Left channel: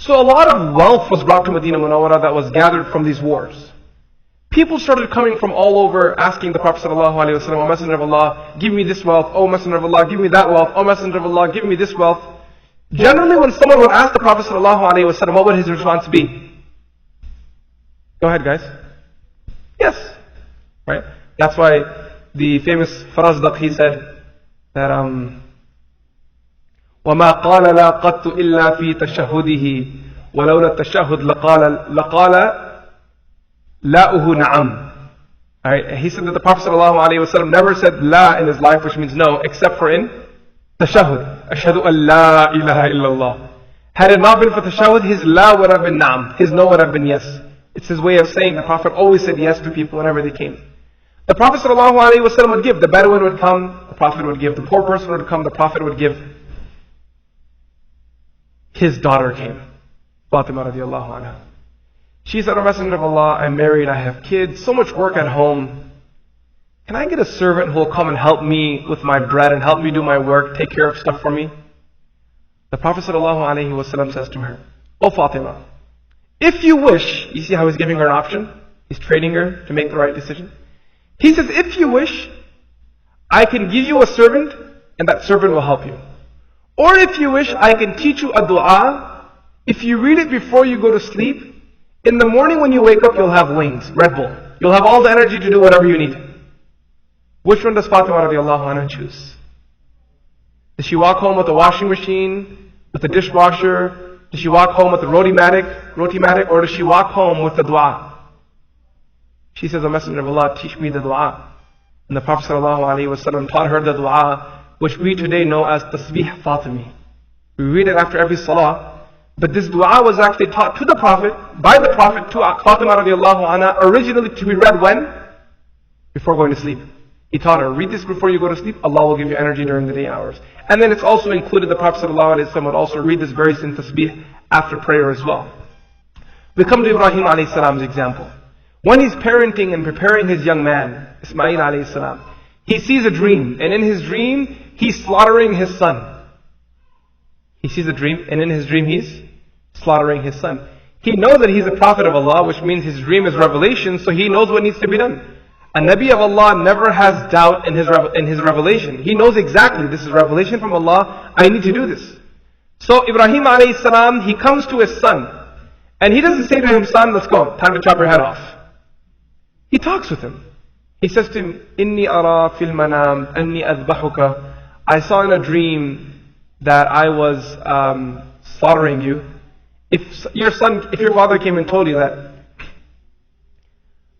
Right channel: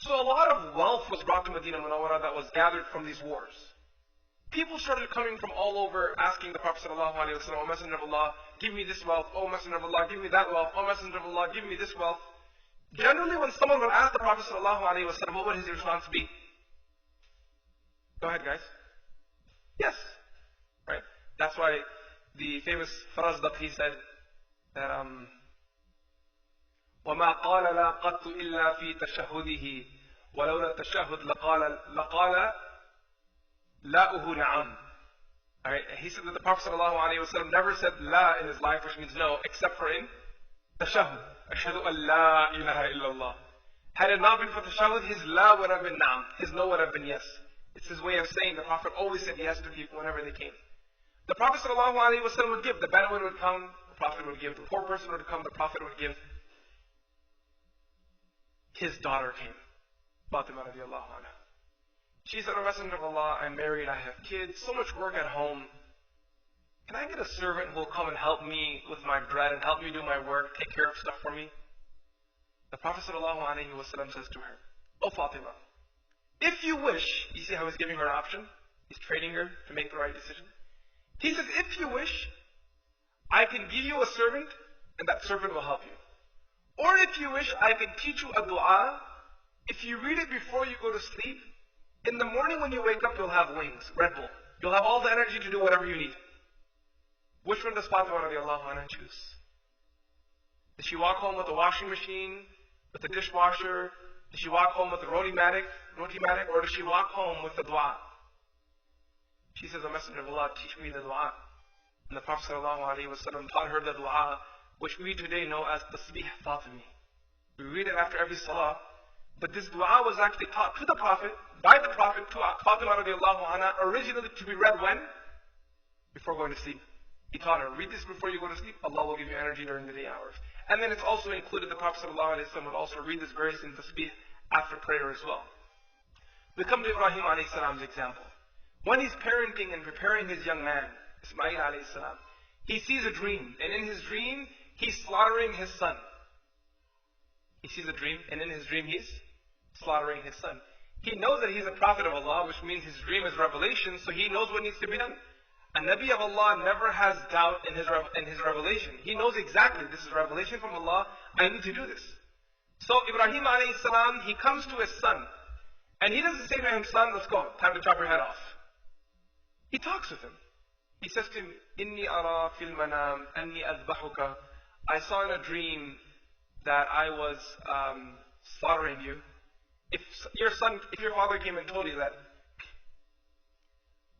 So a lot of wealth was brought to Medina Munawwara that was gathered from these wars. People started coming from all over asking the Prophet ﷺ, O Messenger of Allah, give me this wealth. O Messenger of Allah, give me that wealth. O Messenger of Allah, give me this wealth. Generally, when someone would ask the Prophet ﷺ, what would his response be? Go ahead, guys. Yes. Right? That's why the famous Farazdaq, he said that وَمَا قَالَ لَا قَدْتُ إِلَّا فِي تَشَهُدِهِ وَلَوْلَا التَّشَهُدْ لَقَالَ لَاؤُهُ نَعَمْ. Alright, he said that the Prophet ﷺ never said la in his life, which means no, except for in tashahud. Ashhadu an la ilaha illallah. Had it not been for tashahud, his la would have been na'am, his no would have been yes. It's his way of saying the Prophet always said yes to people whenever they came. The Prophet ﷺ would give, the Bedouin would come, the Prophet would give, the poor person would come, the Prophet would give. His daughter came, Fatima radiallahu anha. She said, O Messenger of Allah, I'm married, I have kids, so much work at home. Can I get a servant who will come and help me with my bread and help me do my work, take care of stuff for me? The Prophet ﷺ says to her, O Fatima, if you wish, you see how he's giving her an option? He's training her to make the right decision. He says, if you wish, I can give you a servant and that servant will help you. Or if you wish, I can teach you a dua. If you read it before you go to sleep, in the morning when you wake up, you'll have wings, Red Bull. You'll have all the energy to do whatever you need. Which one does Fatima radiallahu anha choose? Does she walk home with a washing machine, with a dishwasher? Does she walk home with a roti-matic, or does she walk home with the dua? She says, O Messenger of Allah, teach me the dua. And the Prophet ﷺ taught her the dua, which we today know as Tasbih Fatimi. We read it after every salah. But this dua was actually taught to the Prophet, by the Prophet, to Fatima radiallahu anha, originally to be read when? Before going to sleep. He taught her, read this before you go to sleep, Allah will give you energy during the day hours. And then it's also included, the Prophet ﷺ would also read this very same tasbih after prayer as well. We come to Ibrahim a.s.'s example. When he's parenting and preparing his young man, Ismail a.s., he sees a dream, and in his dream, he's slaughtering his son. He sees a dream, and in his dream, he's slaughtering his son. He knows that he's a prophet of Allah, which means his dream is revelation, so he knows what needs to be done. A Nabi of Allah never has doubt in his revelation. He knows exactly, this is revelation from Allah, I need to do this. So Ibrahim a.s., he comes to his son, and he doesn't say to him, son, let's go, time to chop your head off. He talks with him. He says to him, Inni ara fil manam anni adbahuka. I saw in a dream that I was slaughtering you. If your father came and told you that,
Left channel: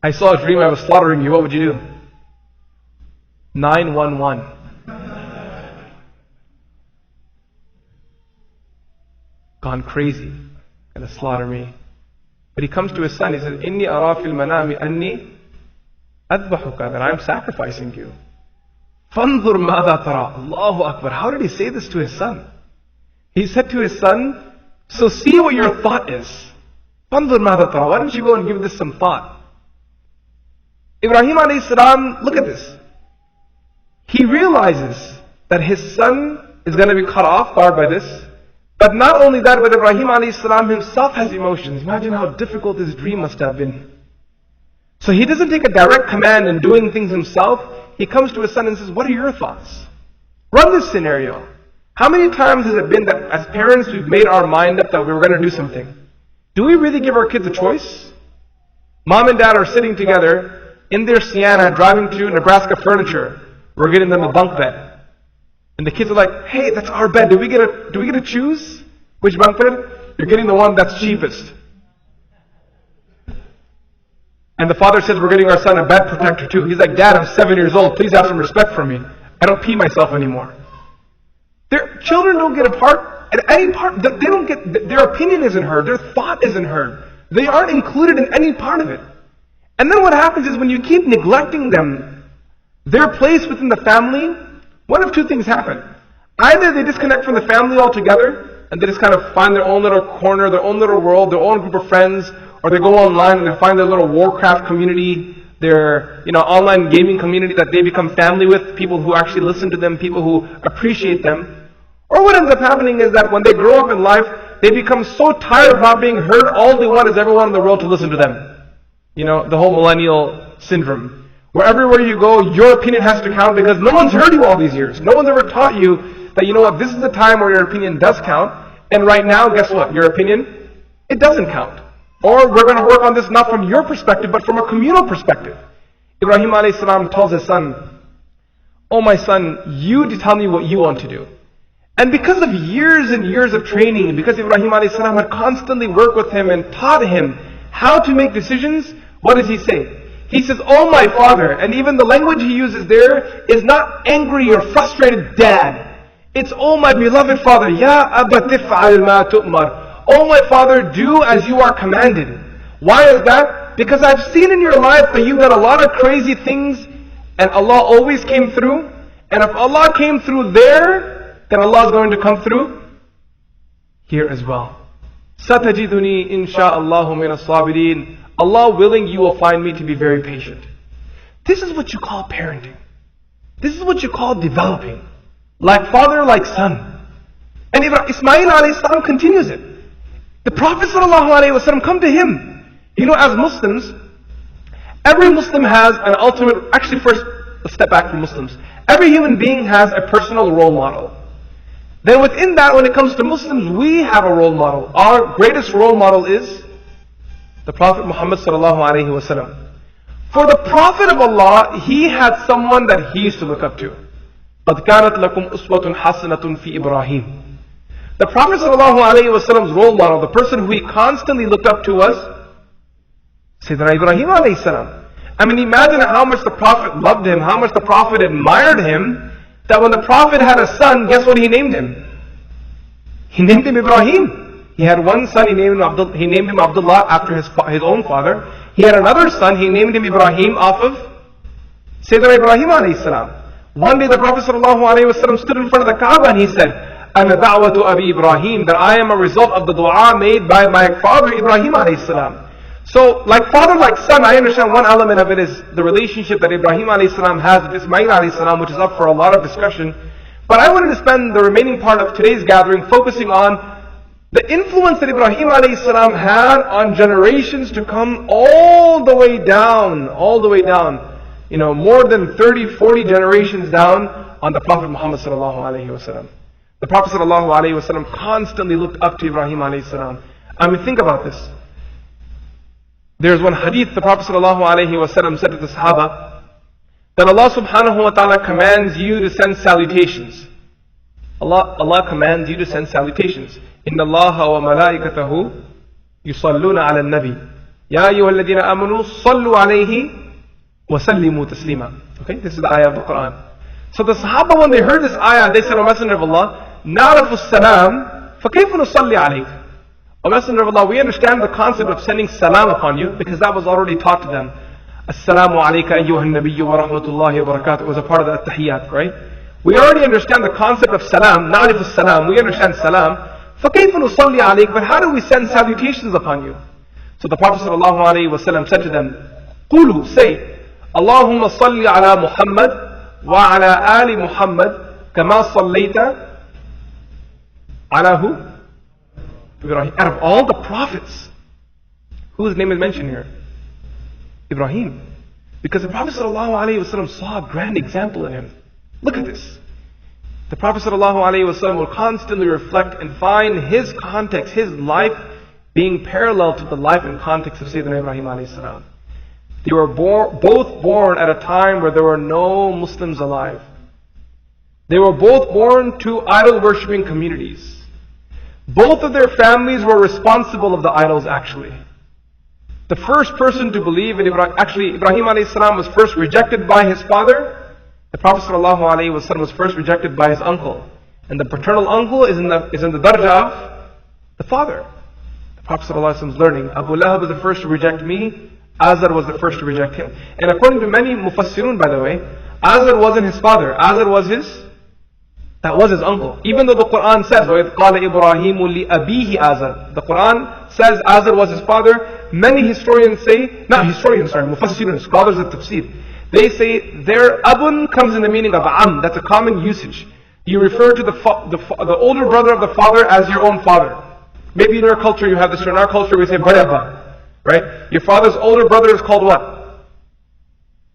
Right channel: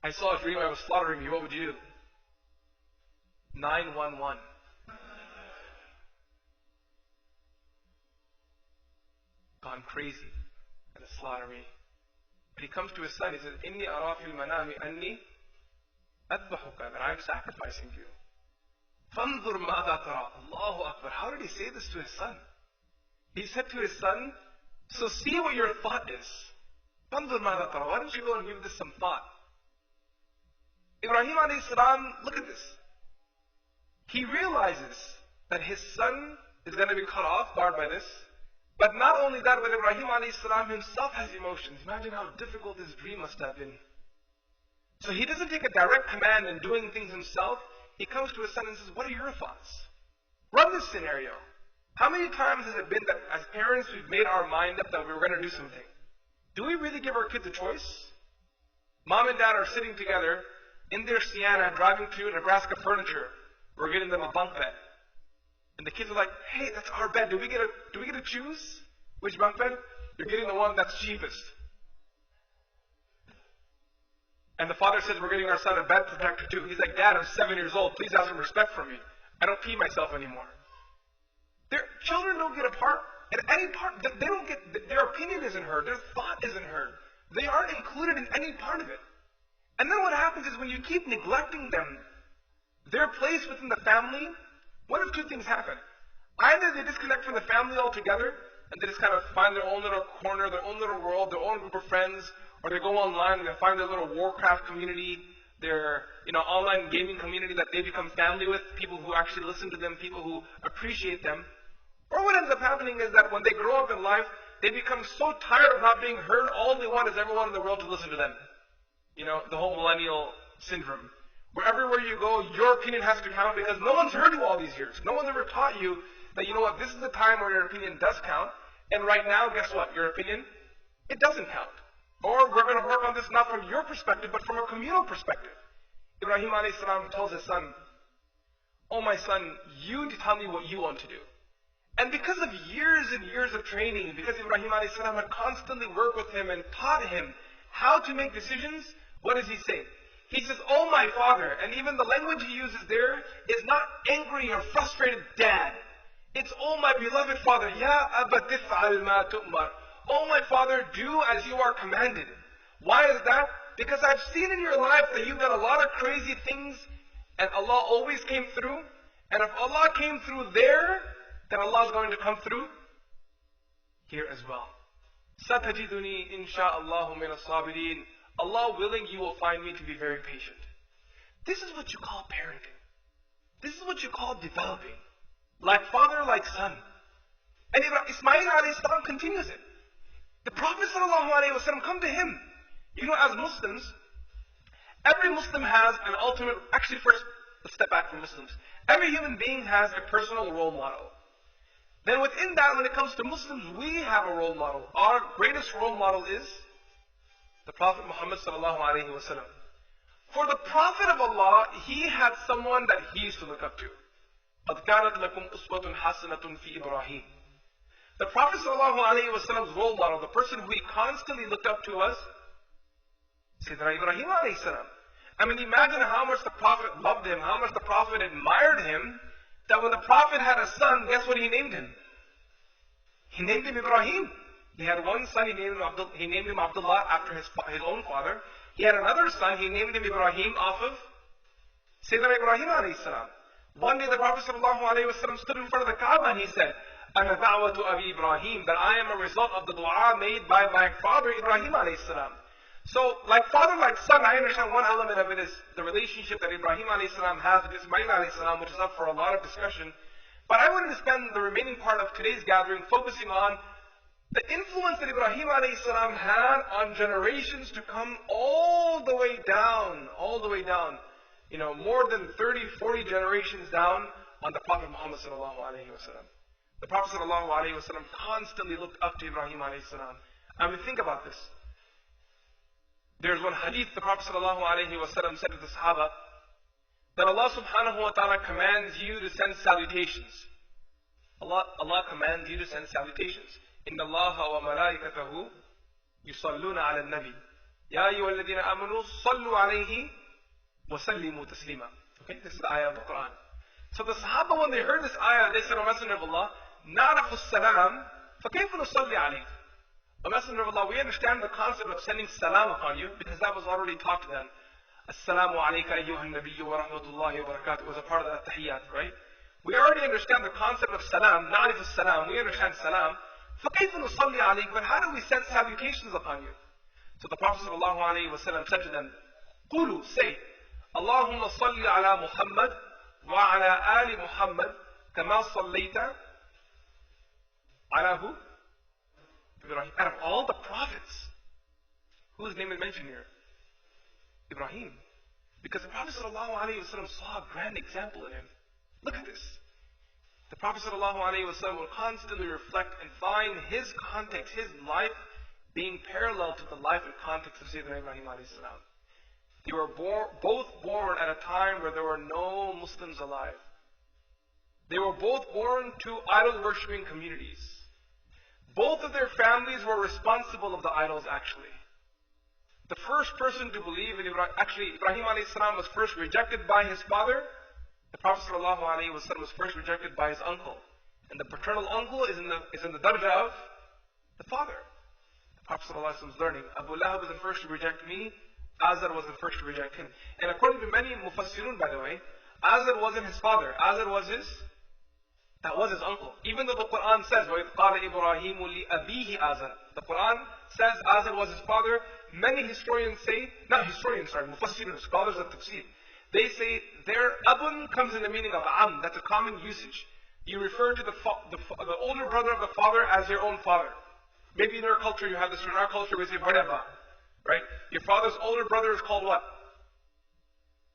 I saw a dream I was slaughtering you, what would you do? 911. Gone crazy. Gonna slaughter me. But he comes to his son, he says, Inni ara fil manami anni adbahuka, that I'm sacrificing you. Fanzur madha tara. Allahu Akbar. How did he say this to his son? He said to his son, so see what your thought is. Fanzur madha tara. Why don't you go and give this some thought? Ibrahim a.s., look at this. He realizes that his son is going to be cut off guard by this. But not only that, but Ibrahim a.s. himself has emotions. Imagine how difficult his dream must have been. So he doesn't take a direct command in doing things himself. He comes to his son and says, what are your thoughts? Run this scenario. How many times has it been that as parents we've made our mind up that we were going to do something? Do we really give our kids a choice? Mom and dad are sitting together in their Sienna driving to Nebraska Furniture. We're getting them a bunk bed. And the kids are like, hey, that's our bed. Do we get to choose which bunk bed? You're getting the one that's cheapest. And the father says, we're getting our son a bed protector too. He's like, Dad, I'm 7 years old. Please have some respect for me. I don't pee myself anymore. Their children don't get a part at any part. They don't get, their opinion isn't heard. Their thought isn't heard. They aren't included in any part of it. And then what happens is when you keep neglecting them, their place within the family, one of two things happen. Either they disconnect from the family altogether, and they just kind of find their own little corner, their own little world, their own group of friends, or they go online and they find their little Warcraft community, their online gaming community that they become family with, people who actually listen to them, people who appreciate them. Or what ends up happening is that when they grow up in life, they become so tired of not being heard, all they want is everyone in the world to listen to them. You know, the whole millennial syndrome. Where everywhere you go, your opinion has to count because no one's heard you all these years. No one's ever taught you that, you know what, this is the time where your opinion does count. And right now, guess what? Your opinion, it doesn't count. Or we're going to work on this not from your perspective, but from a communal perspective. Ibrahim alayhi salam tells his son, "Oh my son, you tell me what you want to do." And because of years and years of training, because Ibrahim alayhi salam had constantly worked with him and taught him how to make decisions, what does he say? He says, "Oh my father," and even the language he uses there is not angry or frustrated dad. It's, "Oh my beloved father, Ya Abba tif'al ma tu'mar." "Oh my father, do as you are commanded." Why is that? Because I've seen in your life that you've done a lot of crazy things and Allah always came through. And if Allah came through there, then Allah is going to come through here as well. "Satajiduni insha'Allahu min as-sabirin." Allah willing, you will find me to be very patient. This is what you call parenting. This is what you call developing. Like father, like son. And Ismail alayhi salam continues it. The Prophet sallallahu alayhi wasallam come to him. You know, as Muslims, every Muslim has an ultimate, actually first, let's step back from Muslims. Every human being has a personal role model. Then within that, when it comes to Muslims, we have a role model. Our greatest role model is the Prophet Muhammad sallallahu alayhi wasallam. For the Prophet of Allah, he had someone that he used to look up to. قَدْ كَانَتْ لَكُمْ أُسْوَةٌ حَسَنَةٌ فِي إِبْرَاهِيمَ. The Prophet sallallahu alayhi wasallam's role model, the person who he constantly looked up to was Sayyidina Ibrahim alayhi salam. I mean, imagine how much the Prophet loved him, how much the Prophet admired him, that when the Prophet had a son, guess what he named him? He named him Ibrahim. He had one son, he named him Abdullah after his own father. He had another son, he named him Ibrahim off of Sayyidina Ibrahim alayhi salam. One day the Prophet sallallahu alayhi wasallam stood in front of the Kaaba and he said, "Ana da'watu Abi Ibrahim," that I am a result of the dua made by my father Ibrahim alayhi salam. So, like father, like son, I understand one element of it is the relationship that Ibrahim alayhi salam has with Ismail alayhi salam, which is up for a lot of discussion. But I wanted to spend the remaining part of today's gathering focusing on the influence that Ibrahim alayhi salam had on generations to come all the way down, you know, more than 30, 40 generations down on the Prophet Muhammad sallallahu alayhi wasallam. The Prophet sallallahu alayhi wasallam constantly looked up to Ibrahim alayhi salam. I mean, think about this. There's one hadith the Prophet sallallahu alayhi wasallam said to the Sahaba that Allah subhanahu wa ta'ala commands you to send salutations. Allah commands you to send salutations. Inna Allaha wa malaikatahu yusalluna ala nabi. Ya ayyuha alladhina amanu sallu alayhi wa sallimu taslima. Okay, this is the ayah of the Quran. So the Sahaba, when they heard this ayah, they said, "O Messenger of Allah, na'rafu salam, fa kayfa nusalli alayk?" O Messenger of Allah, we understand the concept of sending salam upon you because that was already taught to them. Assalamu alayka ayyuhan nabiyyu wa rahmatullahi wa barakatuh. It was a part of the tahiyyat, right? We already understand the concept of salam, na'rifu salam. We understand salam. فَكَيْفَ نُصَلِّي عَلَيْكَ? But how do we send salutations upon you? So the Prophet ﷺ said to them, قُولُوا, say, اللهم صل على محمد وعلى آل محمد كما صليت على who? Ibrahim. Out of all the prophets, whose name is mentioned here? Ibrahim. Because the Prophet ﷺ saw a grand example in him. Look at this. The Prophet ﷺ will constantly reflect and find his context, his life being parallel to the life and context of Sayyidina Ibrahim alayhi. They were both born at a time where there were no Muslims alive. They were both born to idol-worshipping communities. Both of their families were responsible of the idols actually. The first person to believe in Ibrahim alayhi was first rejected by his father. The Prophet ﷺ was first rejected by his uncle. And the paternal uncle is in the darja of the father. The Prophet ﷺ was learning. Abu Lahab was the first to reject me. Azar was the first to reject him. And according to many mufassirun, by the way, Azar wasn't his father. Azar was his uncle. Even though the Quran says, وَإِذْ قَالَ إِبْرَاهِيمُ لِأَبِيهِ Azar. The Quran says Azar was his father. Many historians say, mufassirun, scholars of tafsir, they say their abun comes in the meaning of am. That's a common usage. You refer to the older brother of the father as your own father. Maybe in your culture you have this, or in our culture we say Badaba. Right? Your father's older brother is called what?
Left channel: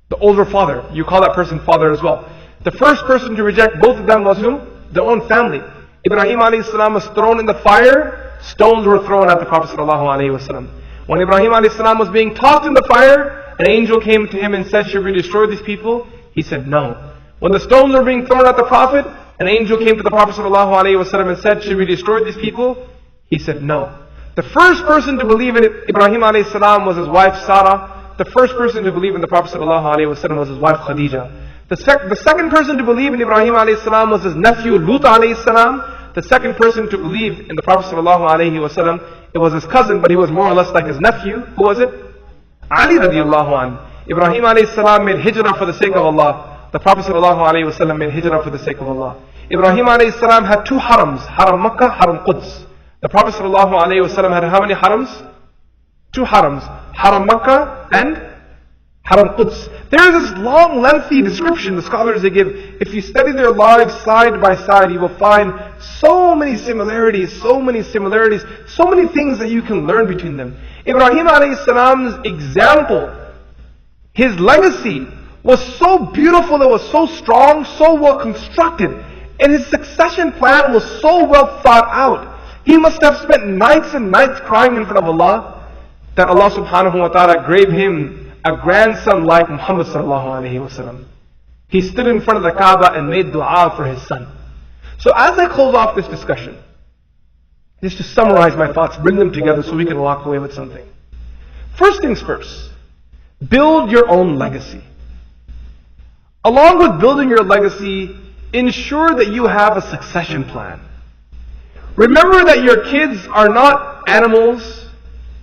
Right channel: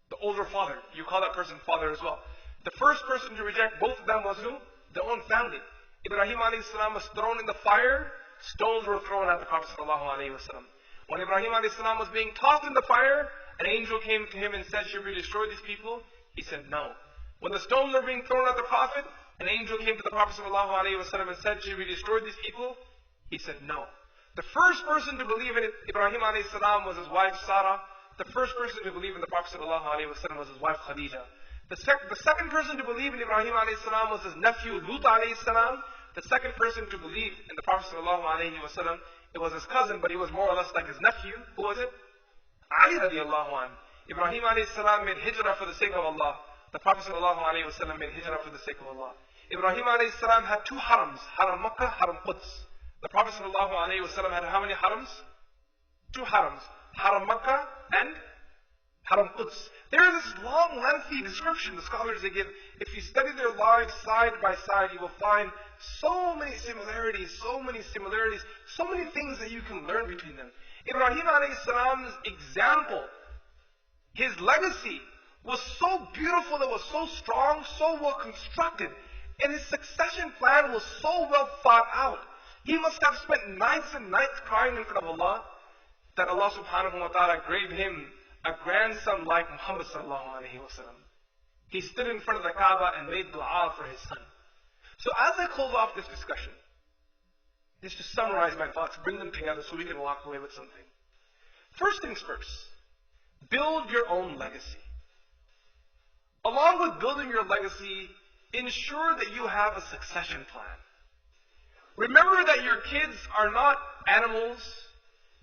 The older father. You call that person father as well. The first person to reject both of them was who? Their own family. Ibrahim alayhi salam was thrown in the fire. Stones were thrown at the Prophet sallallahu alayhi wasallam. When Ibrahim alayhi salam was being tossed in the fire, an angel came to him and said, should we destroy these people? He said no. When the stones were being thrown at the Prophet, an angel came to the Prophet sallallahu alayhi wasallam and said, should we destroy these people? He said no. The first person to believe in Ibrahim alayhi salam was his wife Sarah. The first person to believe in the Prophet sallallahu alayhi wasallam was his wife Khadija. The second person to believe in Ibrahim alayhi salam was his nephew Lut alayhi salam. The second person to believe in the Prophet sallallahu alayhi wasallam, it was his cousin, but he was more or less like his nephew. Who was it? Ali radiallahu anhu. Ibrahim alayhi salam made hijrah for the sake of Allah. The Prophet sallallahu alayhi wasallam made hijrah for the sake of Allah. Ibrahim alayhi salam had two harams, Haram Makkah, Haram Quds. The Prophet sallallahu alayhi wasallam had how many harams? Two harams, Haram Makkah and Haram Quds. There is this long, lengthy description the scholars they give. If you study their lives side by side, you will find so many similarities, so many things that you can learn between them. Ibrahim alayhi salam's example, his legacy was so beautiful, it was so strong, so well constructed, and his succession plan was so well thought out. He must have spent nights and nights crying in front of Allah that Allah subhanahu wa ta'ala gave him a grandson like Muhammad sallallahu alayhi wa sallam. He stood in front of the Kaaba and made dua for his son. So as I close off this discussion, just to summarize my thoughts, bring them together so we can walk away with something. First things first, build your own legacy. Along with building your legacy, ensure that you have a succession plan. Remember that your kids are not animals,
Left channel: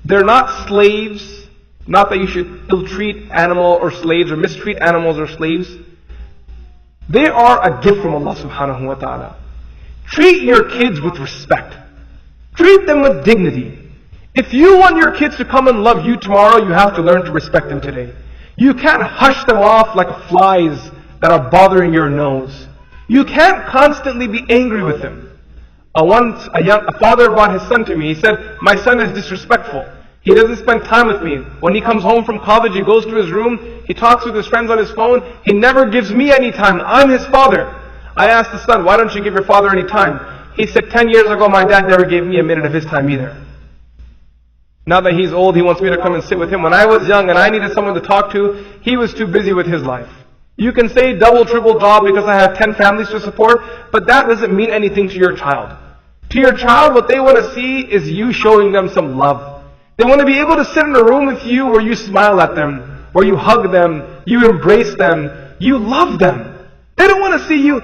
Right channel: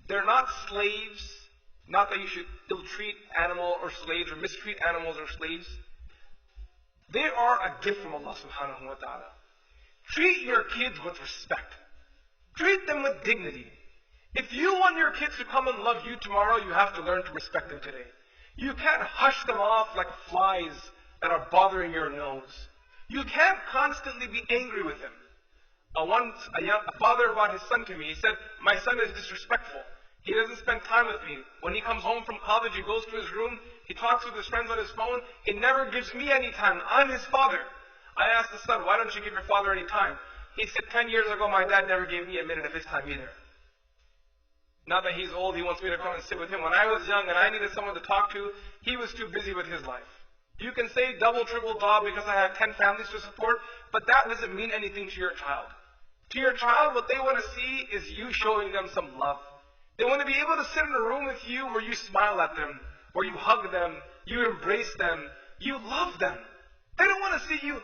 they're not slaves. Not that you should ill-treat animal or slaves or mistreat animals or slaves. They are a gift from Allah subhanahu wa ta'ala. Treat your kids with respect. Treat them with dignity. If you want your kids to come and love you tomorrow, you have to learn to respect them today. You can't hush them off like flies that are bothering your nose. You can't constantly be angry with them. Once a father brought his son to me. He said, my son is disrespectful. He doesn't spend time with me. When he comes home from college, he goes to his room, he talks with his friends on his phone, he never gives me any time. I'm his father. I asked the son, why don't you give your father any time? He said, 10 years ago my dad never gave me a minute of his time either. Now that he's old, he wants me to come and sit with him. When I was young and I needed someone to talk to, he was too busy with his life. You can say double, triple job because I have 10 families to support, but that doesn't mean anything to your child. To your child, what they want to see is you showing them some love. They want to be able to sit in a room with you where you smile at them, where you hug them, you embrace them, you love them. They don't want to see you.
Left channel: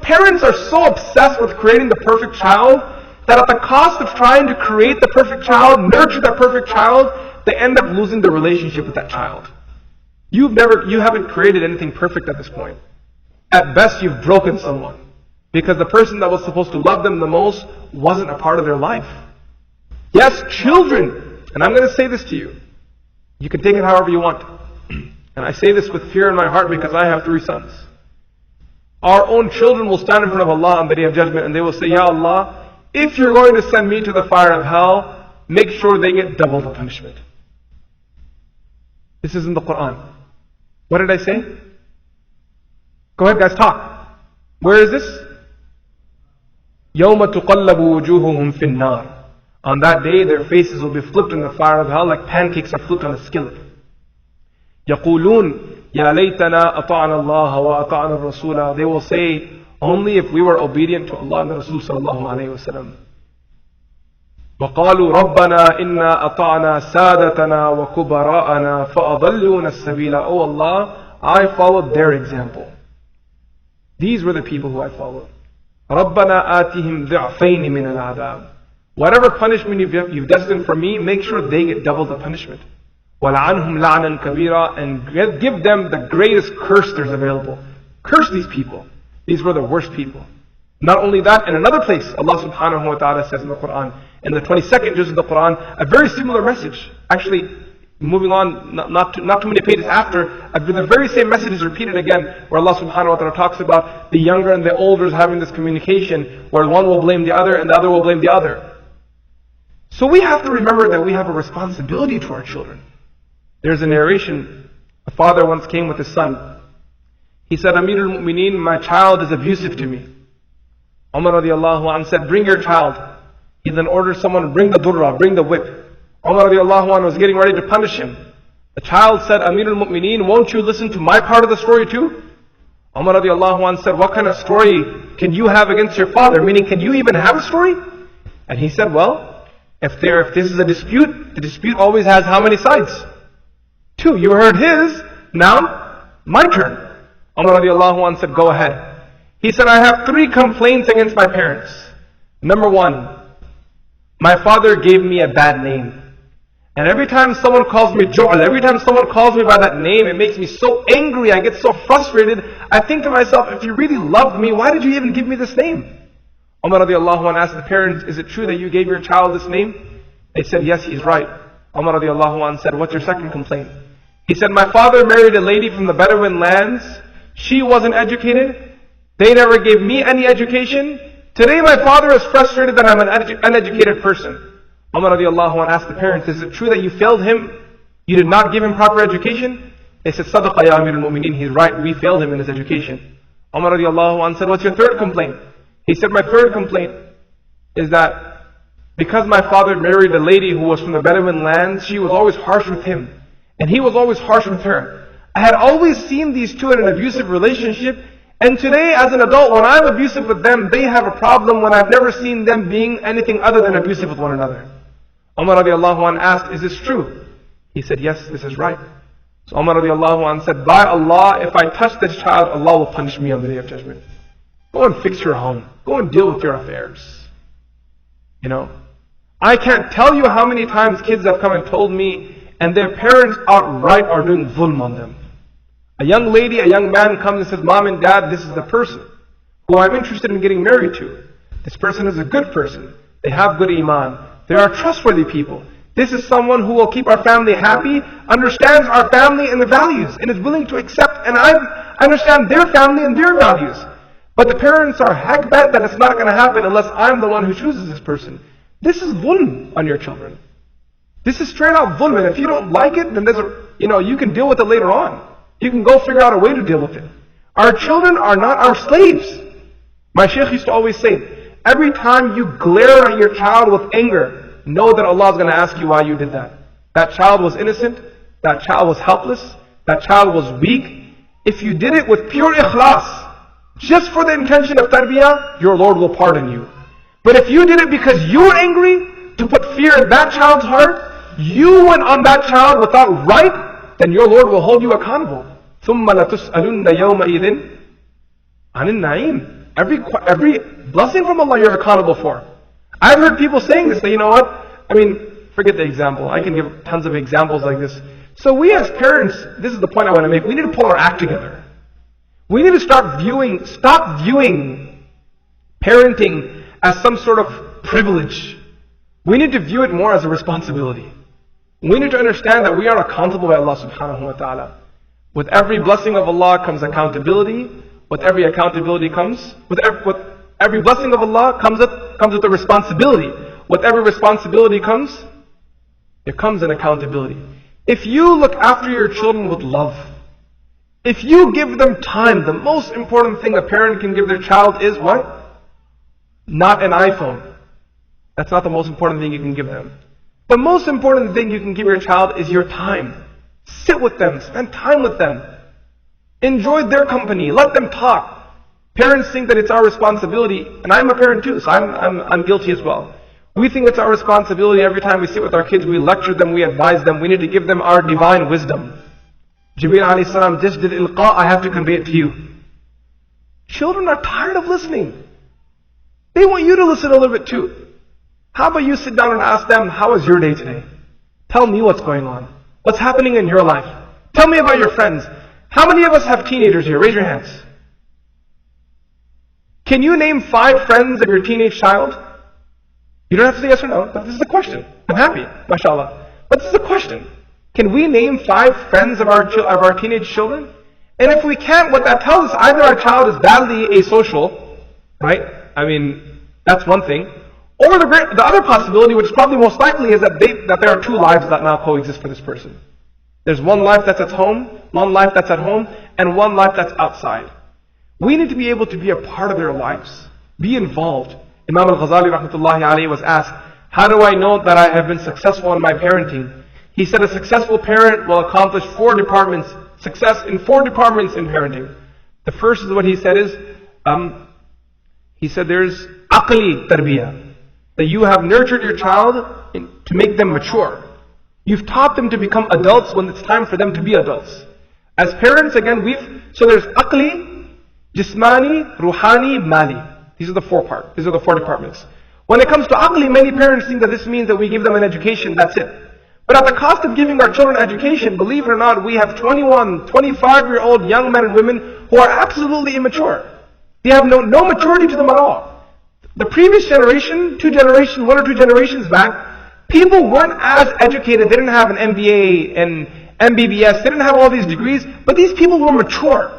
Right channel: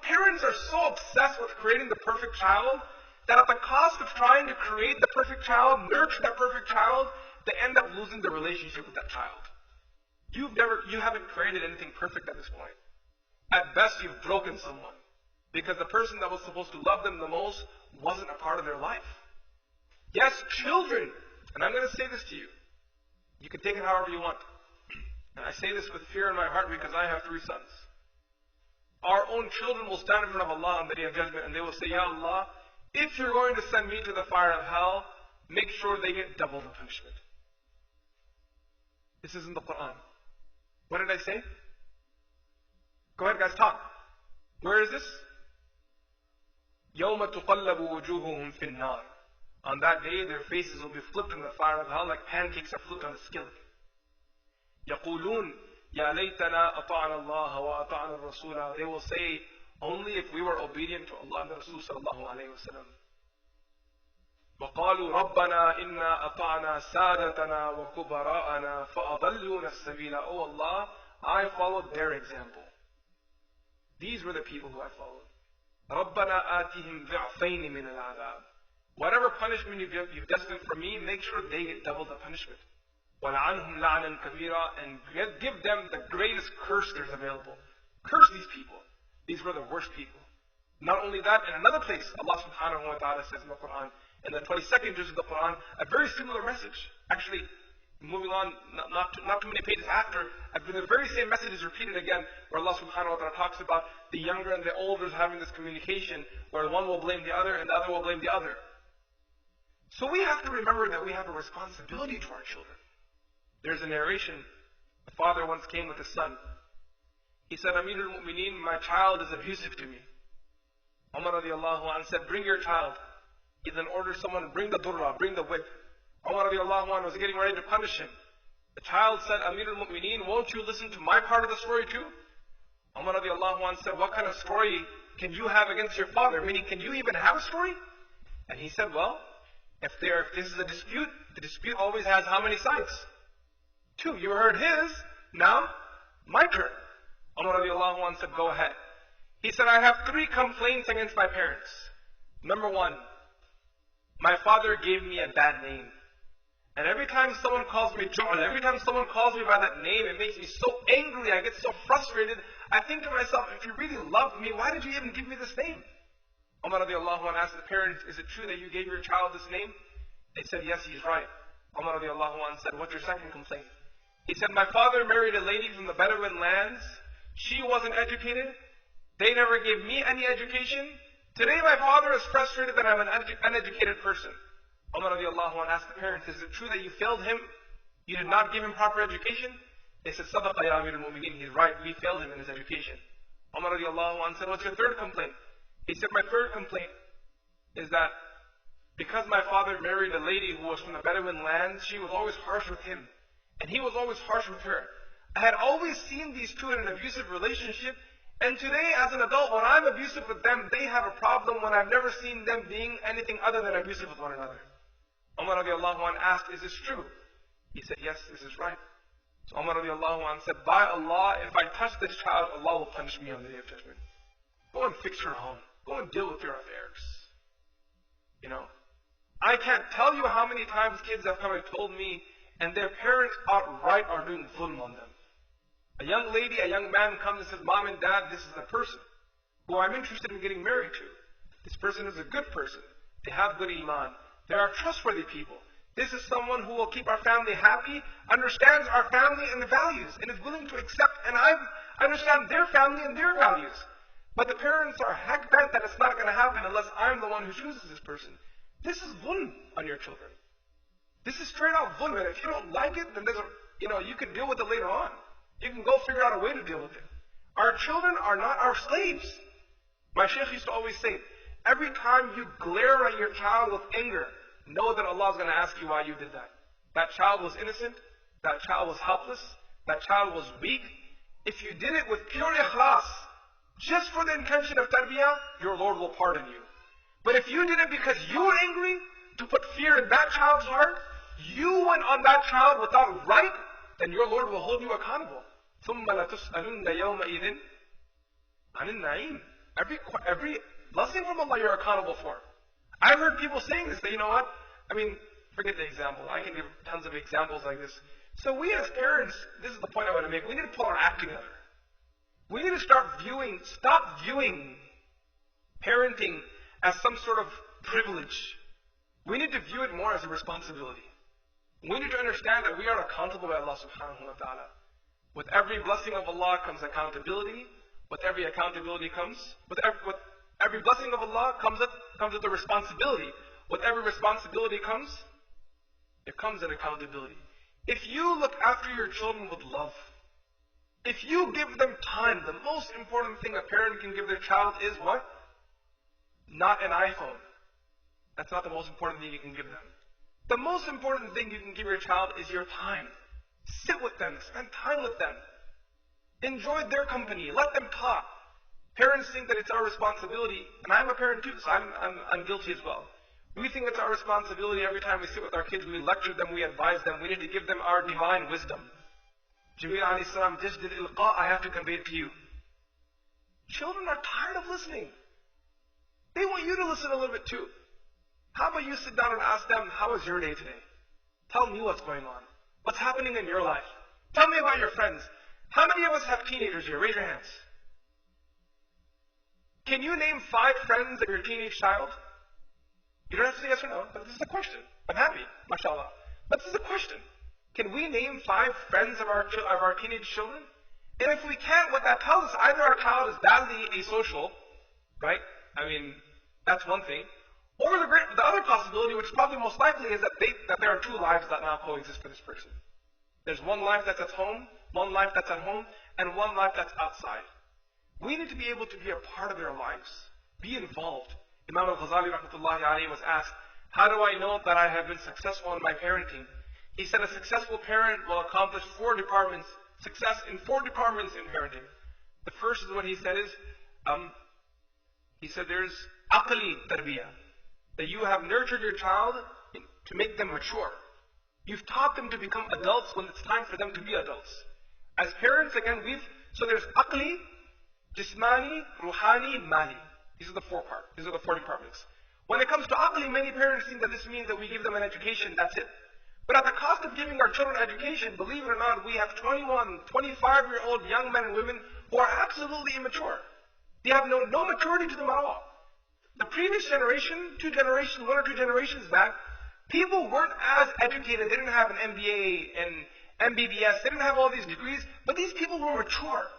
Parents are so obsessed with creating the perfect child that at the cost of trying to create the perfect child, nurture that perfect child, they end up losing the relationship with that child. You haven't created anything perfect at this point. At best, you've broken someone because the person that was supposed to love them the most wasn't a part of their life. Yes, children. And I'm going to say this to you. You can take it however you want. And I say this with fear in my heart because I have 3 sons. Our own children will stand in front of Allah on the Day of Judgment and they will say, Ya Allah, if you're going to send me to the fire of hell, make sure they get double the punishment. This is in the Quran. What did I say? Go ahead guys, talk. Where is this? يَوْمَ تُقَلَّبُ وُجُوهُهُمْ فِي النَّارِ. On that day, their faces will be flipped in the fire of hell like pancakes are flipped on a skillet. يَقُولُونَ يَا لَيْتَنَا أَطَعْنَا اللَّهَ وَأَطَعْنَا الرَّسُولَ. They will say, only if we were obedient to Allah and the Rasul sallallahu alayhi wa sallam. وَقَالُوا رَبَّنَا إِنَّا أَطَعْنَا سَادَتَنَا وَكُبَرَاءَنَا فَأَضَلُّونَ السَّبِيلَ. Oh Allah, I followed their example. These were the people who I followed. رَبَّنَا آتِهِمْ ضِعْفَيْنِ مِنَ الْعَذَابِ. Whatever punishment you've destined for me, make sure they get double the punishment. وَلَعَنْهُمْ لَعْنًا كَبِيرًا. And give them the greatest curse there's available. Curse these people. These were the worst people. Not only that, in another place, Allah subhanahu wa ta'ala says in the Quran, in the 22nd juz of the Quran, a very similar message. Actually, moving on, not too many pages after, the very same message is repeated again, where Allah subhanahu wa ta'ala talks about the younger and the older having this communication, where one will blame the other and the other will blame the other. So we have to remember that we have a responsibility to our children. There's a narration, a father once came with his son. He said, Amir al-Mu'mineen, my child is abusive to me. Umar radiallahu anhu said, bring your child. He then ordered someone to bring the durra, bring the whip. Umar radiallahu anhu was getting ready to punish him. The child said, Amir al-Mu'mineen, won't you listen to my part of the story too? Umar radiallahu anhu said, what kind of story can you have against your father? Meaning, can you even have a story? And he said, well, if this is a dispute, the dispute always has how many sides? 2. You heard his, now my turn. Umar radiallahu anhu said, go ahead. He said, I have 3 complaints against my parents. Number 1, my father gave me a bad name. And every time someone calls me Ju'al, every time someone calls me by that name, it makes me so angry, I get so frustrated. I think to myself, if you really loved me, why did you even give me this name? Umar radiallahu anhu asked the parents, is it true that you gave your child this name? They said, yes, he's right. Umar radiallahu anhu said, what's your second complaint? He said, my father married a lady from the Bedouin lands. She wasn't educated. They never gave me any education. Today my father is frustrated that I'm an uneducated person. Umar radiallahu anhu asked the parents, is it true that you failed him? You did not give him proper education? They said, Sadaqa ya Amir al-Mu'mineen, he's right, we failed him in his education. Umar radiallahu anhu said, what's your third complaint? He said, my third complaint is that because my father married a lady who was from the Bedouin lands, she was always harsh with him. And he was always harsh with her. I had always seen these two in an abusive relationship. And today, as an adult, when I'm abusive with them, they have a problem when I've never seen them being anything other than abusive with one another. Umar radiallahu anhu asked, is this true? He said, yes, this is right. So Umar radiallahu anhu said, by Allah, if I touch this child, Allah will punish me on the Day of Judgment. Go and fix your home. Go and deal with your affairs. You know, I can't tell you how many times kids have come and told me, and their parents outright are doing zulm on them. A young lady, a young man comes and says, Mom and Dad, this is the person who I'm interested in getting married to. This person is a good person. They have good iman. They are trustworthy people. This is someone who will keep our family happy, understands our family and the values, and is willing to accept, and I understand their family and their values. But the parents are heck bent that it's not going to happen unless I'm the one who chooses this person. This is zulm on your children. This is straight out zulm, and if you don't like it, then you can deal with it later on. You can go figure out a way to deal with it. Our children are not our slaves. My shaykh used to always say, every time you glare at your child with anger, know that Allah is going to ask you why you did that. That child was innocent. That child was helpless. That child was weak. If you did it with pure ikhlas, just for the intention of tarbiyah, your Lord will pardon you. But if you did it because you were angry, to put fear in that child's heart, you went on that child without right, then your Lord will hold you accountable. ثُمَّ لَتُسْأَلُنَّ يَوْمَئِذٍ عَنِ النَّعِيمِ. Every blessing from Allah you're accountable for. I've heard people saying this, that, you know what? Forget the example. I can give tons of examples like this. So we as parents, this is the point I want to make, we need to pull our act together. We need to stop viewing parenting as some sort of privilege. We need to view it more as a responsibility. We need to understand that we are accountable by Allah subhanahu wa ta'ala. With every blessing of Allah comes accountability. With every accountability comes, with every blessing of Allah comes with a responsibility. With every responsibility comes an accountability. If you look after your children with love, if you give them time, the most important thing a parent can give their child is what? Not an iPhone. That's not the most important thing you can give them. The most important thing you can give your child is your time. Sit with them, spend time with them. Enjoy their company, let them talk. Parents think that it's our responsibility, and I'm a parent too, so I'm guilty as well. We think it's our responsibility every time we sit with our kids, we lecture them, we advise them, we need to give them our divine wisdom. Jibreel alayhi salam just did ilqa, I have to convey it to you. Children are tired of listening. They want you to listen a little bit too. How about you sit down and ask them, how was your day today? Tell me what's going on. What's happening in your life? Tell me about your friends. How many of us have teenagers here? Raise your hands. Can you name 5 friends of your teenage child? You don't have to say yes or no. This is a question. I'm happy, mashallah. But this is a question. Can we name 5 friends of our teenage children? And if we can't, what that tells us, either our child is badly asocial, right? That's one thing. Or the other possibility, which is probably most likely, is that there are two lives that now coexist for this person. There's one life that's at home, one life that's at home, and one life that's outside. We need to be able to be a part of their lives. Be involved. Imam al-Ghazali rahmatullahi alayhi was asked, how do I know that I have been successful in my parenting? He said a successful parent will accomplish success in 4 departments in parenting. The first is what he said is, there's aqli tarbiyah. That you have nurtured your child to make them mature. You've taught them to become adults when it's time for them to be adults. As parents, again, so there's aqli, jismani, ruhani, mali. These are the 4 departments. When it comes to aqli, many parents think that this means that we give them an education, that's it. But at the cost of giving our children education, believe it or not, we have 21, 25-year-old young men and women who are absolutely immature. They have no maturity to them at all. The previous generation, 1 or 2 generations back, people weren't as educated. They didn't have an MBA and MBBS. They didn't have all these degrees, but these people were mature.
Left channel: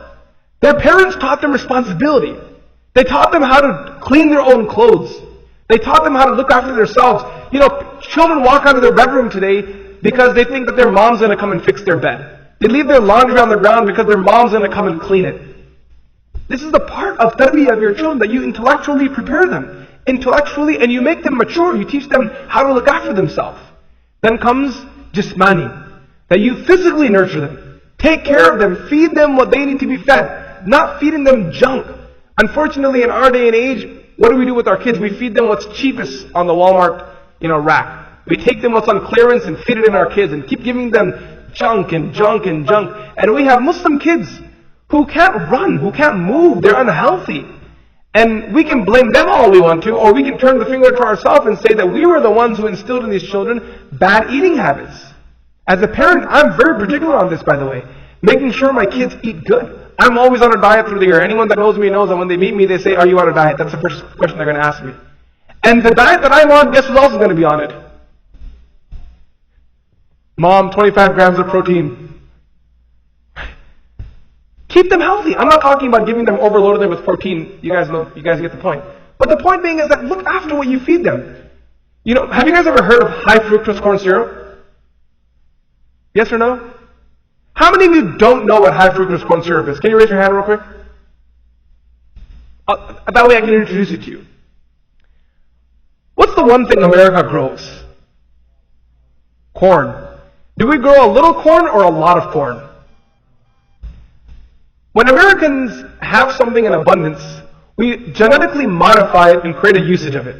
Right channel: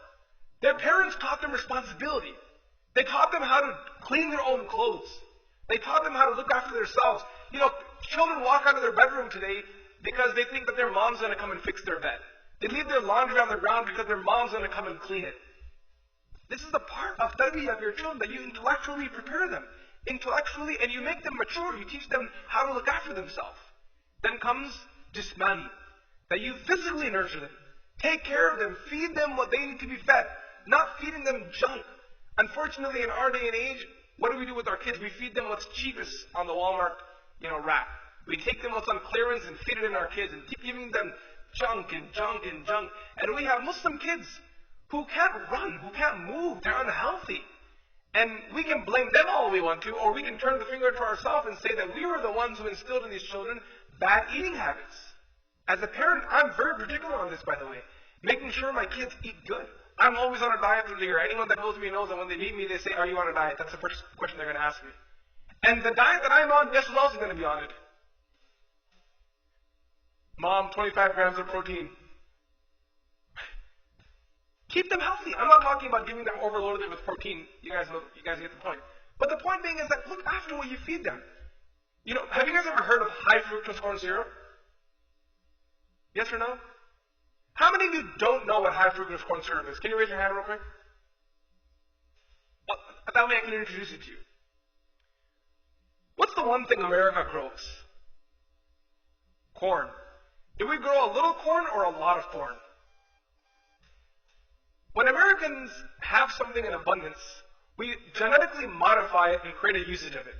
Their parents taught them responsibility. They taught them how to clean their own clothes. They taught them how to look after themselves. Children walk out of their bedroom today because they think that their mom's going to come and fix their bed. They leave their laundry on the ground because their mom's going to come and clean it. This is the part of tarbiyah of your children, that you intellectually prepare them. Intellectually, and you make them mature. You teach them how to look after themselves. Then comes jismani, that you physically nurture them. Take care of them. Feed them what they need to be fed. Not feeding them junk. Unfortunately, in our day and age, what do we do with our kids? We feed them what's cheapest on the Walmart, rack. We take them what's on clearance and feed it in our kids and keep giving them junk and junk and junk. And we have Muslim kids who can't run, who can't move, they're unhealthy. And we can blame them all we want to, or we can turn the finger to ourselves and say that we were the ones who instilled in these children bad eating habits. As a parent, I'm very particular on this, by the way. Making sure my kids eat good. I'm always on a diet through the year. Anyone that knows me knows that when they meet me, they say, are you on a diet? That's the first question they're going to ask me. And the diet that I'm on, guess who else is going to be on it? Mom, 25 grams of protein. Keep them healthy. I'm not talking about giving them, overloading them with protein. You guys get the point. But the point being is that look after what you feed them. Have you guys ever heard of high fructose corn syrup? Yes or no? How many of you don't know what high fructose corn syrup is? Can you raise your hand real quick? That way I can introduce it to you. What's the one thing America grows? Corn. Do we grow a little corn or a lot of corn? When Americans have something in abundance, we genetically modify it and create a usage of it.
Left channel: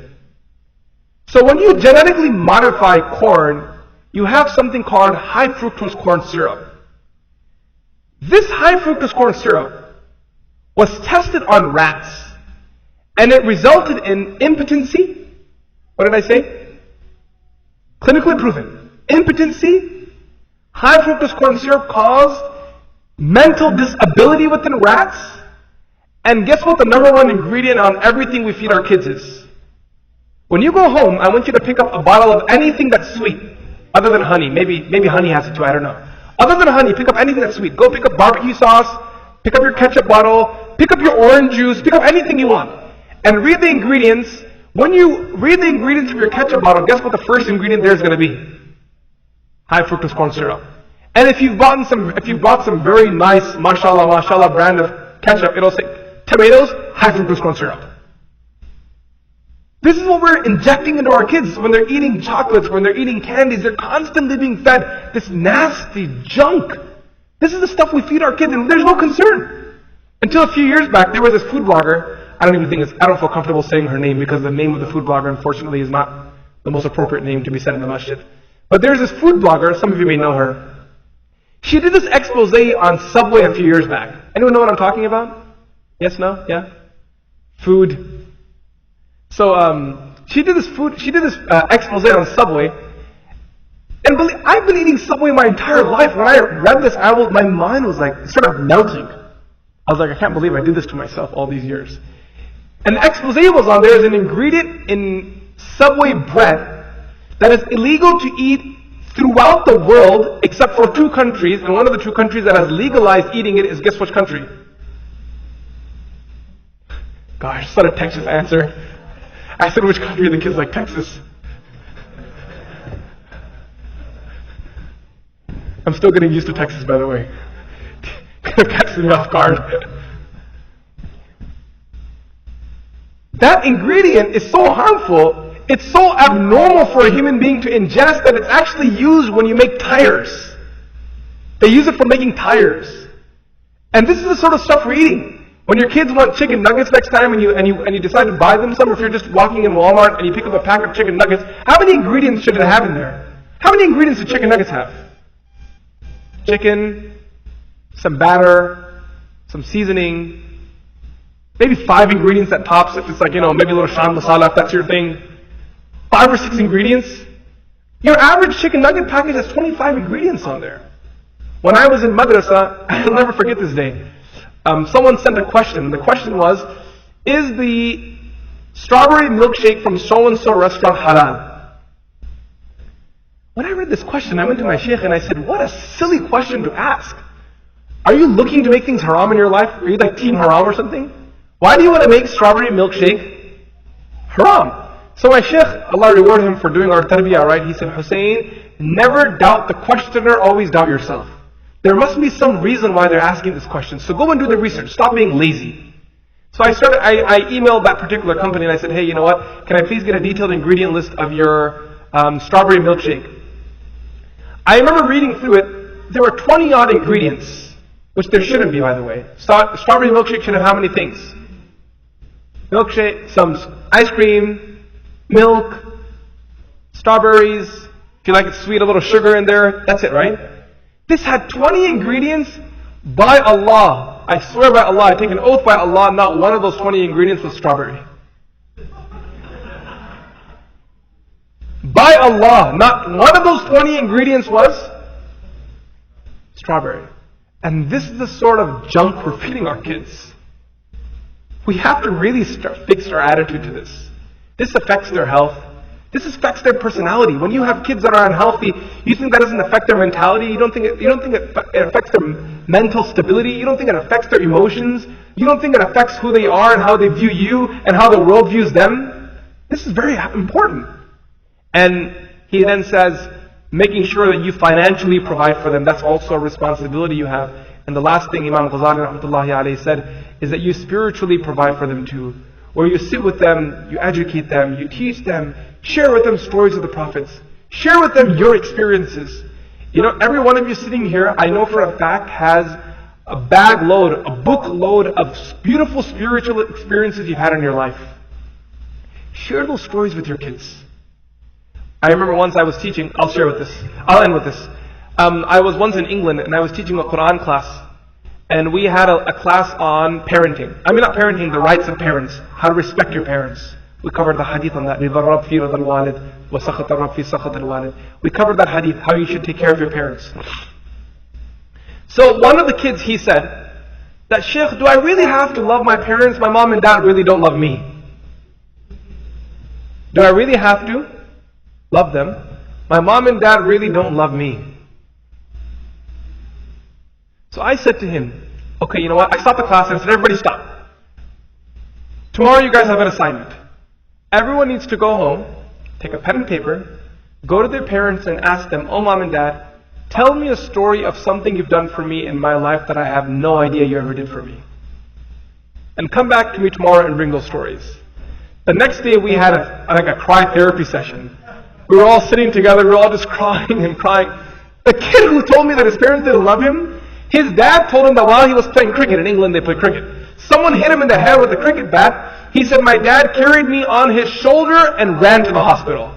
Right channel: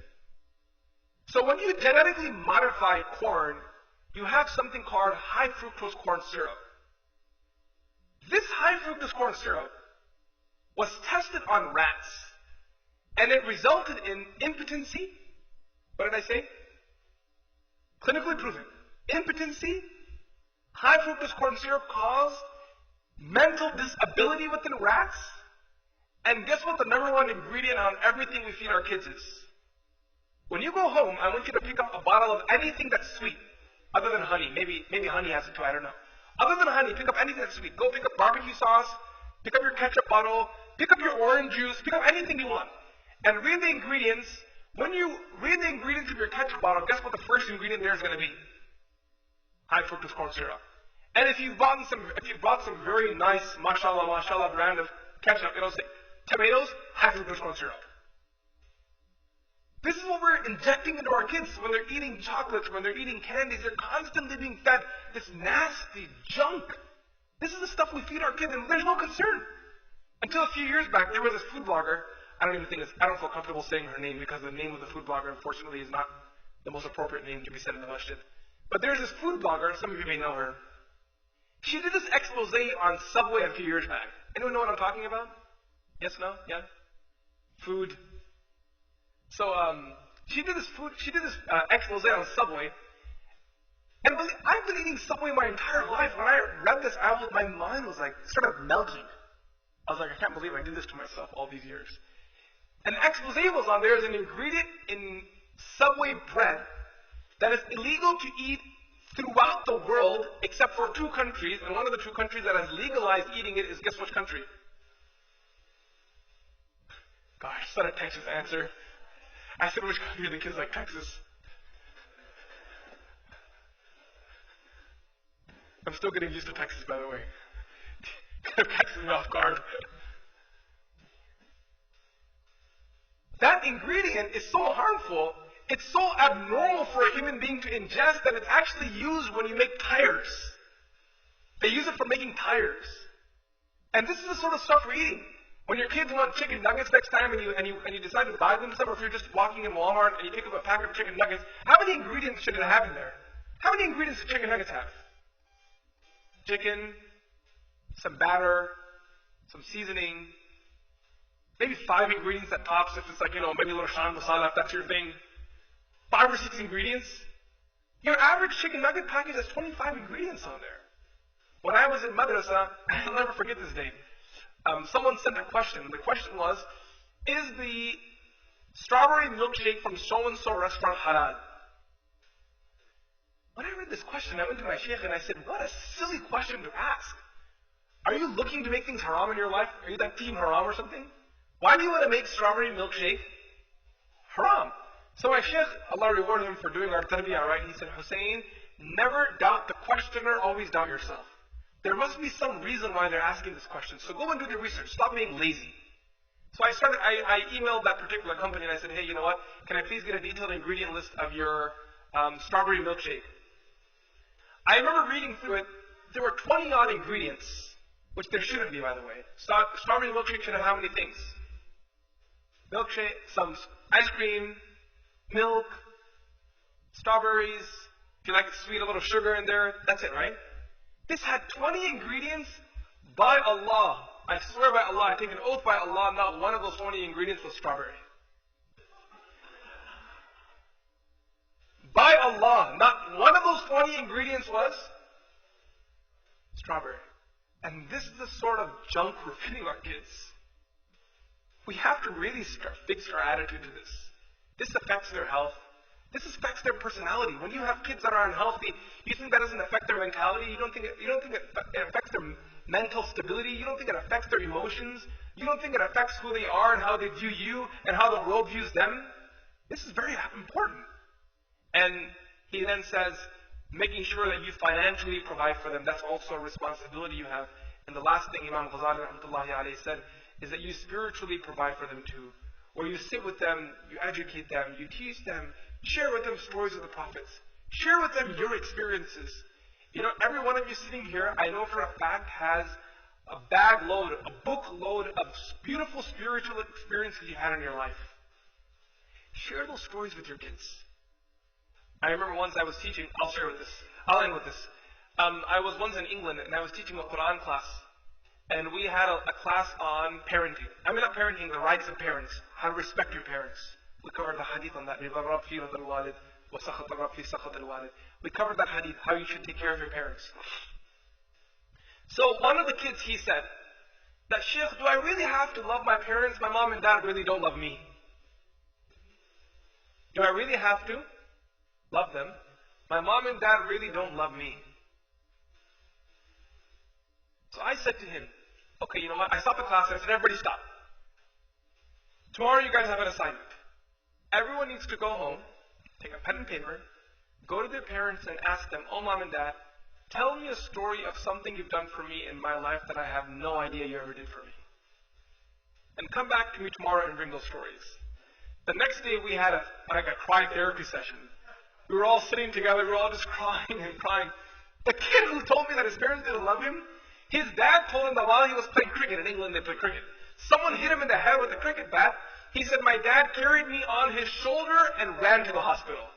So when you genetically modify corn, you have something called high fructose corn syrup. This high fructose corn syrup was tested on rats, and it resulted in impotency. What did I say? Clinically proven. Impotency, high fructose corn syrup caused mental disability within rats. And guess what the number 1 ingredient on everything we feed our kids is? When you go home, I want you to pick up a bottle of anything that's sweet, other than honey. Maybe honey has it too, I don't know. Other than honey, pick up anything that's sweet. Go pick up barbecue sauce, pick up your ketchup bottle, pick up your orange juice, pick up anything you want. And read the ingredients. When you read the ingredients of your ketchup bottle, guess what the first ingredient there is going to be? High fructose corn syrup. And if you've bought some very nice, mashallah brand of ketchup, it'll say tomatoes, high fructose corn syrup. This is what we're injecting into our kids when they're eating chocolates, when they're eating candies. They're constantly being fed this nasty junk. This is the stuff we feed our kids, and there's no concern. Until a few years back, there was this food blogger. I don't feel comfortable saying her name because the name of the food blogger, unfortunately, is not the most appropriate name to be said in the masjid. But there's this food blogger, some of you may know her. She did this expose on Subway a few years back. Anyone know what I'm talking about? Yes, no, yeah? Food. So she did this expose on Subway. And I've been eating Subway my entire life. When I read this, my mind was like sort of melting. I was like, I can't believe I did this to myself all these years. And the expose was on there is an ingredient in Subway bread that is illegal to eat throughout the world except for 2 countries. And one of the 2 countries that has legalized eating it is, guess which country? Gosh, it's not a Texas answer. I said, which country? The kid's like, Texas. I'm still getting used to Texas, by the way. Kind of catches me off guard. That ingredient is so harmful, it's so abnormal for a human being to ingest that it's actually used when you make tires. They use it for making tires. And this is the sort of stuff we're eating. When your kids want chicken nuggets next time and you decide to buy them some, or if you're just walking in Walmart and you pick up a pack of chicken nuggets, how many ingredients should it have in there? How many ingredients do chicken nuggets have? Chicken, some batter, some seasoning, maybe 5 ingredients at tops if it's like, maybe a little shan masala if that's your thing. 5 or 6 ingredients. Your average chicken nugget package has 25 ingredients on there. When I was in madrasa, I'll never forget this day. Someone sent a question. The question was, is the strawberry milkshake from so-and-so restaurant halal? When I read this question, I went to my sheikh and I said, what a silly question to ask. Are you looking to make things haram in your life? Are you like team haram or something? Why do you want to make strawberry milkshake haram? So my sheikh, Allah reward him for doing our tarbiyah right, he said, Hussain, never doubt the questioner, always doubt yourself. There must be some reason why they're asking this question. So go and do the research. Stop being lazy. So I emailed that particular company and I said, hey, you know what? Can I please get a detailed ingredient list of your strawberry milkshake? I remember reading through it. There were 20 odd ingredients, which there shouldn't be, by the way. Strawberry milkshake should have how many things? Milkshake, some ice cream, milk, strawberries. If you like it sweet, a little sugar in there. That's it, right? This had 20 ingredients. By Allah, I swear by Allah, I take an oath by Allah, not one of those 20 ingredients was strawberry. By Allah, not one of those 20 ingredients was strawberry. And this is the sort of junk we're feeding our kids. We have to really fix our attitude to this. This affects their health. This affects their personality. When you have kids that are unhealthy, you think that doesn't affect their mentality. You don't think it affects their mental stability. You don't think it affects their emotions. You don't think it affects who they are and how they view you and how the world views them. This is very important. And he then says, making sure that you financially provide for them, that's also a responsibility you have. And the last thing Imam Ghazali rahmatullahi alayhi said is that you spiritually provide for them too. Where you sit with them, you educate them, you teach them, share with them stories of the prophets. Share with them your experiences. Every one of you sitting here, I know for a fact, has a bag load, a book load of beautiful spiritual experiences you've had in your life. Share those stories with your kids. I remember once I was teaching, I'll end with this. I was once in England and I was teaching a Quran class. And we had a class on parenting. I mean, not parenting, the rights of parents. How to respect your parents. We covered the hadith on that. We covered that hadith, how you should take care of your parents. So one of the kids, he said, that Sheikh, do I really have to love my parents? My mom and dad really don't love me. Do I really have to love them? My mom and dad really don't love me. So I said to him, okay, you know what? I stopped the class and I said, everybody stop. Tomorrow you guys have an assignment. Everyone needs to go home, take a pen and paper, go to their parents and ask them, oh mom and dad, tell me a story of something you've done for me in my life that I have no idea you ever did for me. And come back to me tomorrow and bring those stories. The next day we had a cry therapy session. We were all sitting together, we were all just crying and crying. The kid who told me that his parents didn't love him, his dad told him that while he was playing cricket, in England they play cricket, someone hit him in the head with a cricket bat. He said, my dad carried me on his shoulder and ran to the hospital.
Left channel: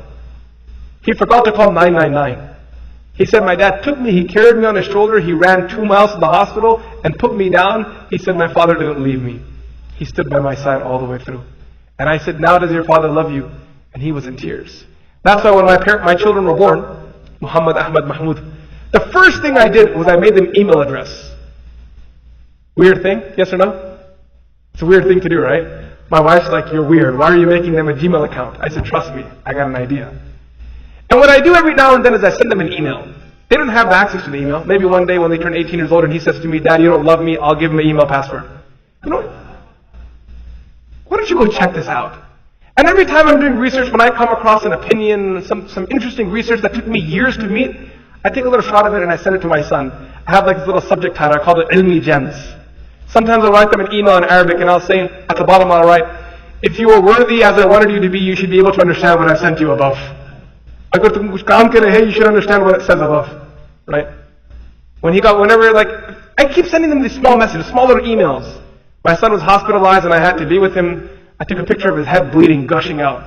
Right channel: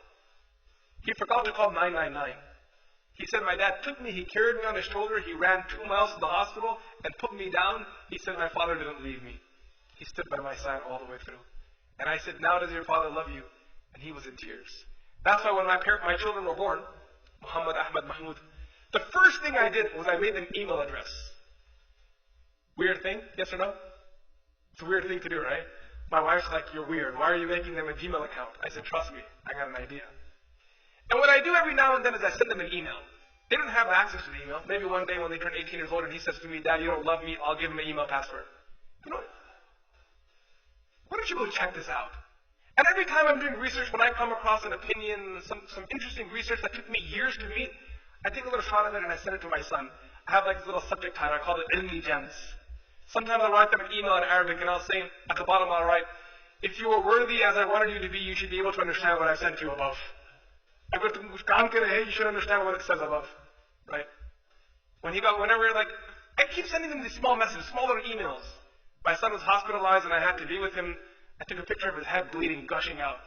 He forgot to call 999. He said, my dad took me, he carried me on his shoulder, he ran 2 miles to the hospital and put me down. He said, my father didn't leave me. He stood by my side all the way through. And I said, now does your father love you? And he was in tears. That's why when my children were born, Muhammad, Ahmad, Mahmoud, the first thing I did was I made them email address. Weird thing? Yes or no? It's a weird thing to do, right? My wife's like, you're weird. Why are you making them a Gmail account? I said, trust me, I got an idea. And what I do every now and then is I send them an email. They don't have access to the email. Maybe one day when they turn 18 years old and he says to me, Dad, you don't love me, I'll give him an email password. You know what? Why don't you go check this out? And every time I'm doing research, when I come across an opinion, some interesting research that took me years to meet, I take a little shot of it and I send it to my son. I have like this little subject title, I call it Ilmi Gems. Sometimes I'll write them an email in Arabic and I'll say at the bottom I'll write, if you were worthy as I wanted you to be, you should be able to understand what I've sent you above. Agar tum kuch kaam kare hai, you should understand what it says above. Right? I keep sending them these small messages, small little emails. My son was hospitalized and I had to be with him. I took a picture of his head bleeding, gushing out.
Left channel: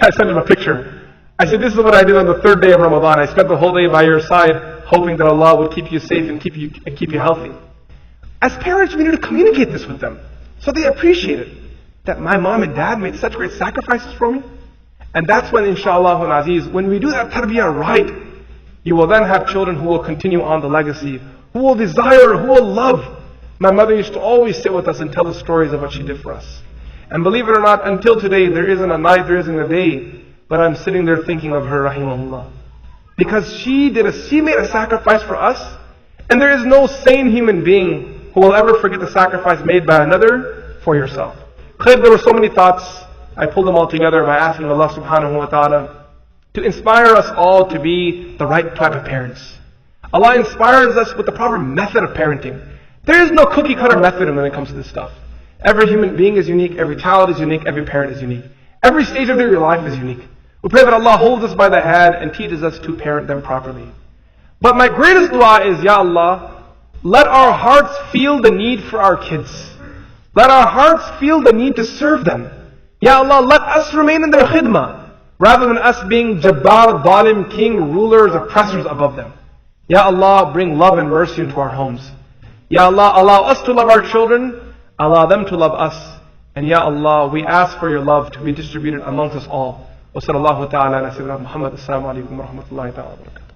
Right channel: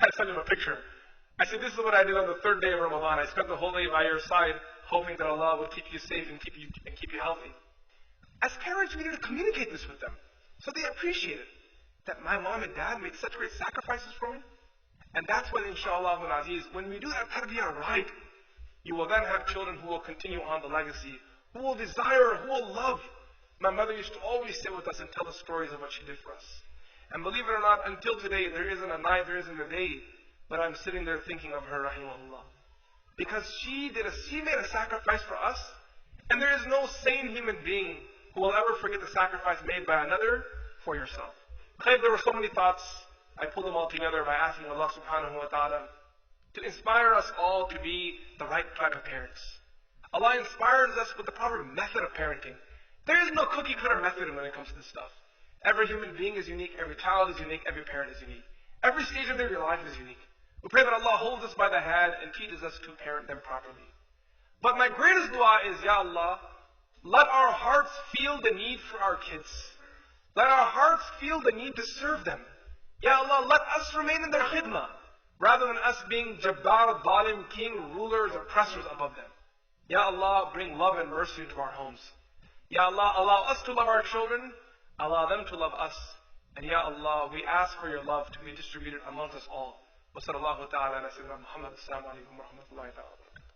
I sent him a picture. I said, this is what I did on the third day of Ramadan. I spent the whole day by your side, hoping that Allah would keep you safe and keep you healthy. As parents, we need to communicate this with them, so they appreciate it. That my mom and dad made such great sacrifices for me. And that's when, inshallah and aziz, when we do that tarbiyah right, you will then have children who will continue on the legacy, who will desire, who will love. My mother used to always sit with us and tell the stories of what she did for us. And believe it or not, until today, there isn't a night, there isn't a day, but I'm sitting there thinking of her, rahimahullah. Because she made a sacrifice for us, and there is no sane human being who will ever forget the sacrifice made by another for yourself. There were so many thoughts. I pulled them all together by asking Allah subhanahu wa ta'ala to inspire us all to be the right type of parents. Allah inspires us with the proper method of parenting. There is no cookie cutter method when it comes to this stuff. Every human being is unique, every child is unique, every parent is unique. Every stage of their life is unique. We pray that Allah holds us by the hand and teaches us to parent them properly. But my greatest dua is, Ya Allah, let our hearts feel the need for our kids. Let our hearts feel the need to serve them. Ya Allah, let us remain in their khidmah, rather than us being jabbar, dhalim, king, rulers, oppressors above them. Ya Allah, bring love and mercy into our homes. Ya Allah, allow us to love our children, allow them to love us. And Ya Allah, we ask for your love to be distributed amongst us all. Wa sallallahu ta'ala ala sayyidina Muhammad. Assalamu alaikum wa rahmatullahi ta'ala wa barakatuh.